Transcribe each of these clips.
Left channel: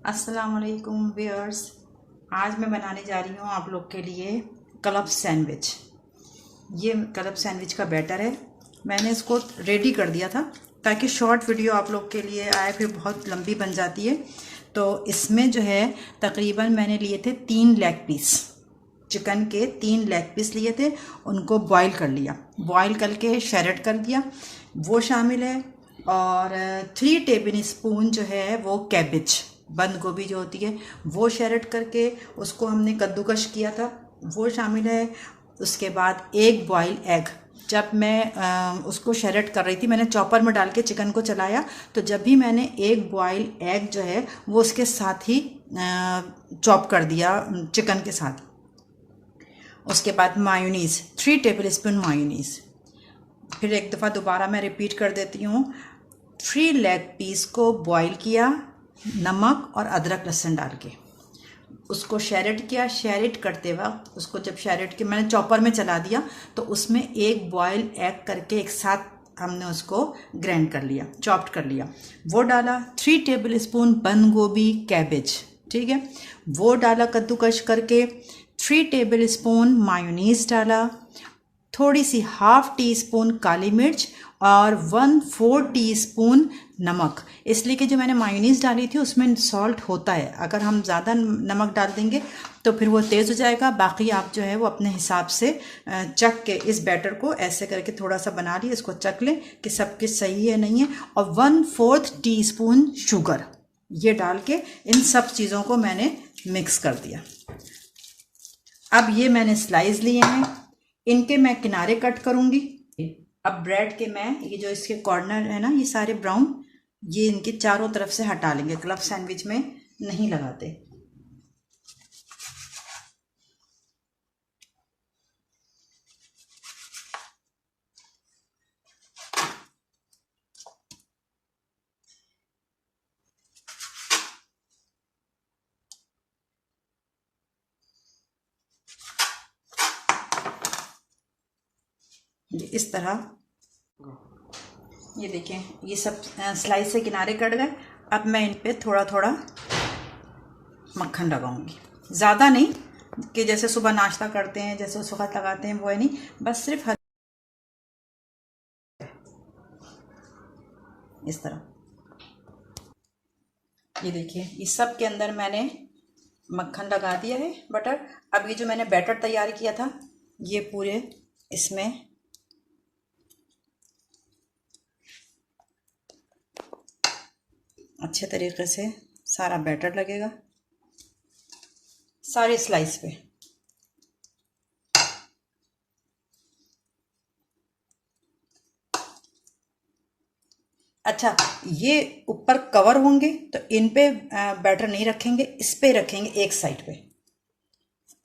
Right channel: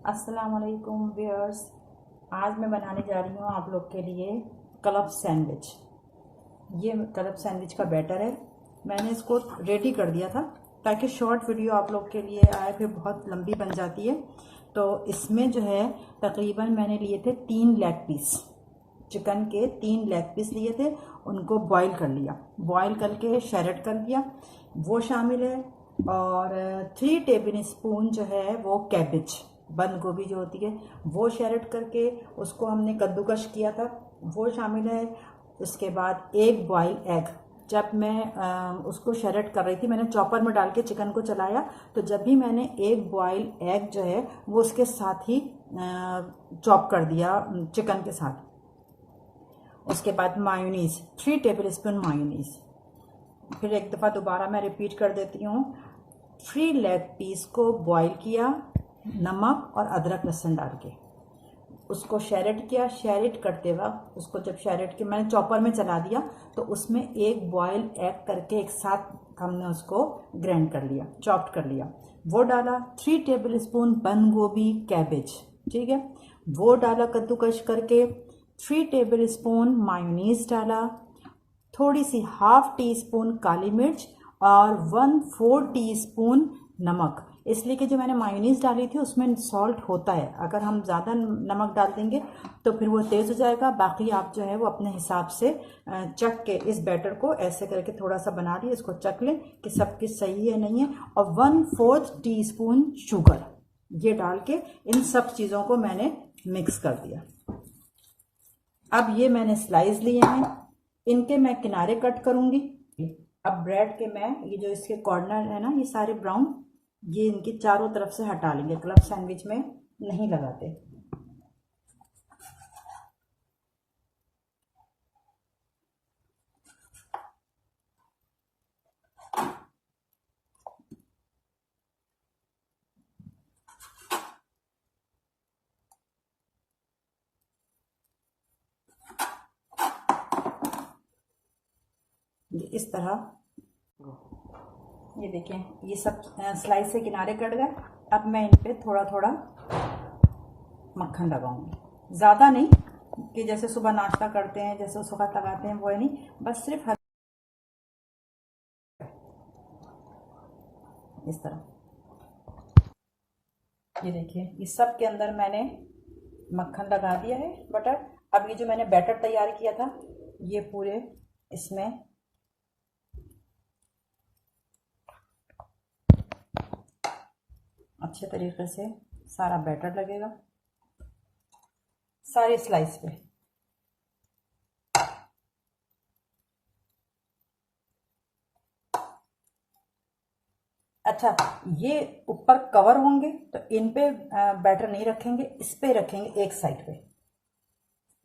अस्सलाम वालेकुम व्यूअर्स। आज मैं बनाने जा रही हूँ आप लोग के लिए क्लब सैंडविच। ये क्लब सैंडविच का बैटर है। मैंने इसको रेडी कर दिया था ताकि शॉर्ट वीडियो आप लोग के लिए आए, फिर बहुत लंबी बन जाती है। तो इसमें जो है तकरीबन मैंने लिए थे 3 लेग पीस, चिकन के 3 लेग पीस लिए थे। उनको बॉईल कर लिया, बॉईल करके शैरेट कर दिया, वो शामिल है। और 3 टेबल स्पून जो है वो कैबिज, बंद गोभी जो होती है, वो शैरेट करके उसको हमने कद्दूकश किया था, वो शामिल है। उसके बाद एक बॉयल एग, जब मैं उसको शैरेट कर रही थी मैंने चॉपर में डाल के चिकन को चलाया, तो जब भी मैंने एक बॉयल एग जो है वो उसके साथ ही चॉप कर दिया चिकन के साथ। उसके बाद मायोनीज़, 3 टेबल स्पून मायोनीज़। फिर एक दफ़ा दोबारा मैं रिपीट कर देती हूँ। 3 लेग पीस को बॉईल किया, नमक और अदरक लहसुन डाल के उसको शैरेट किया। शैरेट करते वक्त उसको जब शैरेट के मैंने चॉपर में चला दिया, तो उसमें एक बॉयल एग करके एक साथ हमने उसको ग्राइंड कर लिया, चॉप्ड कर लिया, वो डाला। 3 टेबल स्पून बंद गोभी कैबेज, ठीक है, वो डाला कद्दूकश करके। 3 टेबल स्पून मायोनीज डाला, थोड़ी सी ½ टी स्पून काली मिर्च और 1/4 टी स्पून नमक। इसलिए कि जो मैंने मायोनीज़ डाली थी उसमें सॉल्ट होता है, अगर हम ज़्यादा नमक डाल देंगे तो फिर वो तेज़ हो जाएगा। बाकी आप जो है वो अपने हिसाब से चख के इस बैटर को ऐसे करके थोड़ा सा बना लिए, इसको चख लें कि सब कुछ सही है नहीं है। और 1/4 टी स्पून शुगर, ये डाल के इन सब चीज़ों को मैंने मिक्स कर दिया। अब ये मैंने स्लाइस लिए हैं, इनके मैं किनारे कट करूंगी। अब ब्रेड के मैं ये जो इसके कॉर्नर है ना, ये सारे ब्राउन, ये इनके चारों तरफ से हटा लेंगे, क्लब सैंडविच में नहीं लगाते। इस तरह ये देखें, ये सब स्लाइस से किनारे कट गए। अब मैं इन पे थोड़ा थोड़ा मक्खन लगाऊंगी, ज़्यादा नहीं कि जैसे सुबह नाश्ता करते हैं जैसे उस वक्त लगाते हैं, वो है नहीं, बस सिर्फ इस तरह। ये देखिए, ये सब के अंदर मैंने मक्खन लगा दिया है, बटर। अब ये जो मैंने बैटर तैयार किया था ये पूरे इसमें अच्छे तरीके से सारा बैटर लगेगा, सारे स्लाइस पे। अच्छा, ये ऊपर कवर होंगे तो इन पे बैटर नहीं रखेंगे, इस पे रखेंगे, एक साइड पे।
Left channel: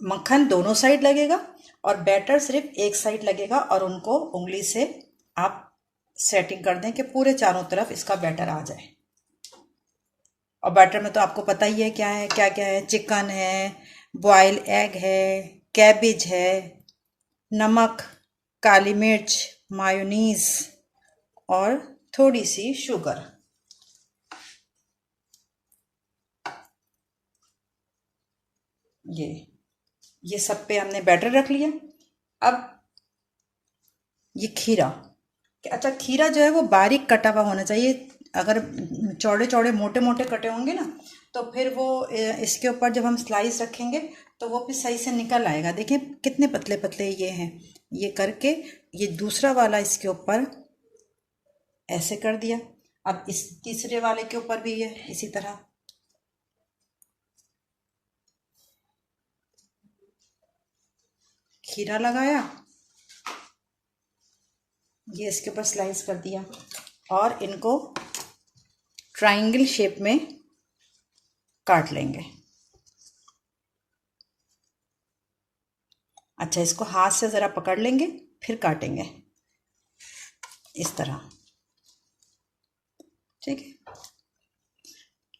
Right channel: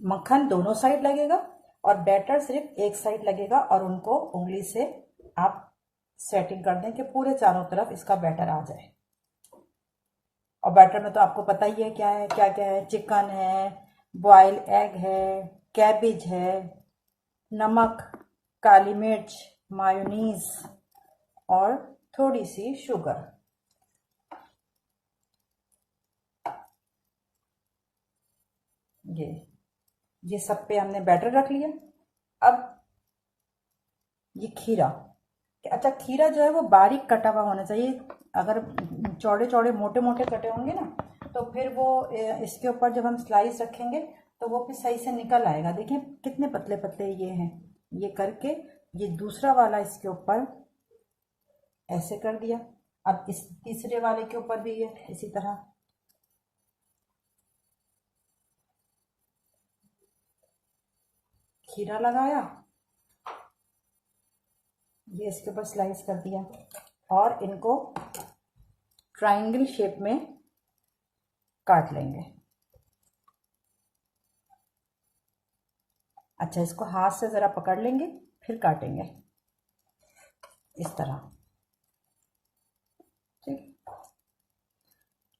मक्खन दोनों साइड लगेगा और बैटर सिर्फ एक साइड लगेगा, और उनको उंगली से आप सेटिंग कर दें कि पूरे चारों तरफ इसका बैटर आ जाए। और बैटर में तो आपको पता ही है क्या है, क्या क्या है, चिकन है, बॉयल एग है, कैबिज है, नमक, काली मिर्च, मायोनीज और थोड़ी सी शुगर। ये सब पे हमने बैटर रख लिया। अब ये खीरा, अच्छा खीरा जो है वो बारीक कटा हुआ होना चाहिए। अगर चौड़े चौड़े मोटे मोटे कटे होंगे ना, तो फिर वो इसके ऊपर जब हम स्लाइस रखेंगे तो वो फिर सही से निकल आएगा। देखिए कितने पतले पतले ये हैं। ये करके ये दूसरा वाला इसके ऊपर ऐसे कर दिया। अब इस तीसरे वाले के ऊपर भी ये इसी तरह खीरा लगाया, ये इसके ऊपर स्लाइस कर दिया, और इनको ट्रायंगल शेप में काट लेंगे। अच्छा, इसको हाथ से ज़रा पकड़ लेंगे फिर काटेंगे इस तरह, ठीक है।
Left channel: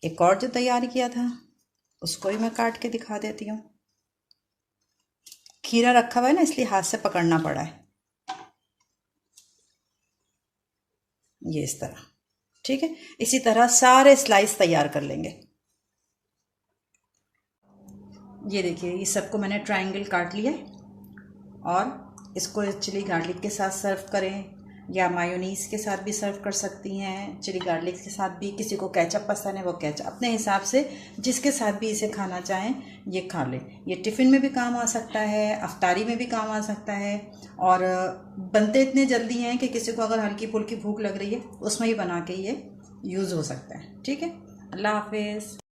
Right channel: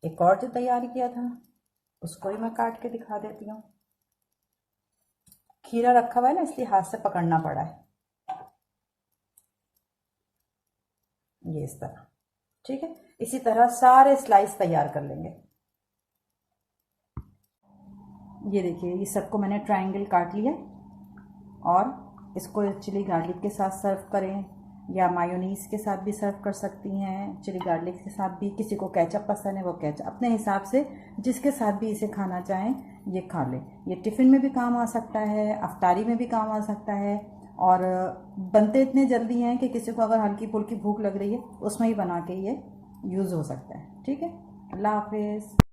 एक और जो तैयार किया था उसको भी मैं काट के दिखा देती हूँ। खीरा रखा हुआ है ना, इसलिए हाथ से पकड़ना पड़ा है, ये इस तरह, ठीक है। इसी तरह सारे स्लाइस तैयार कर लेंगे। ये देखिए, ये सबको मैंने ट्रायंगल काट लिया है और इसको चिली गार्लिक के साथ सर्व करें या मायोनीज़ के साथ भी सर्व कर सकती हैं। चिली गार्लिक के साथ भी, किसी को केचप पसंद है वो केचप, अपने हिसाब से जिसके साथ भी इसे खाना चाहें ये खा लें। ये टिफ़िन में भी काम आ सकता है, अफ्तारी में भी काम आ सकता है और बनते इतने जल्दी हैं कि किसी को अगर हल्की फुल्की भूख लग रही है उसमें ही बना के ये यूज़ हो सकता है। ठीक है, अल्लाह हाफिज़।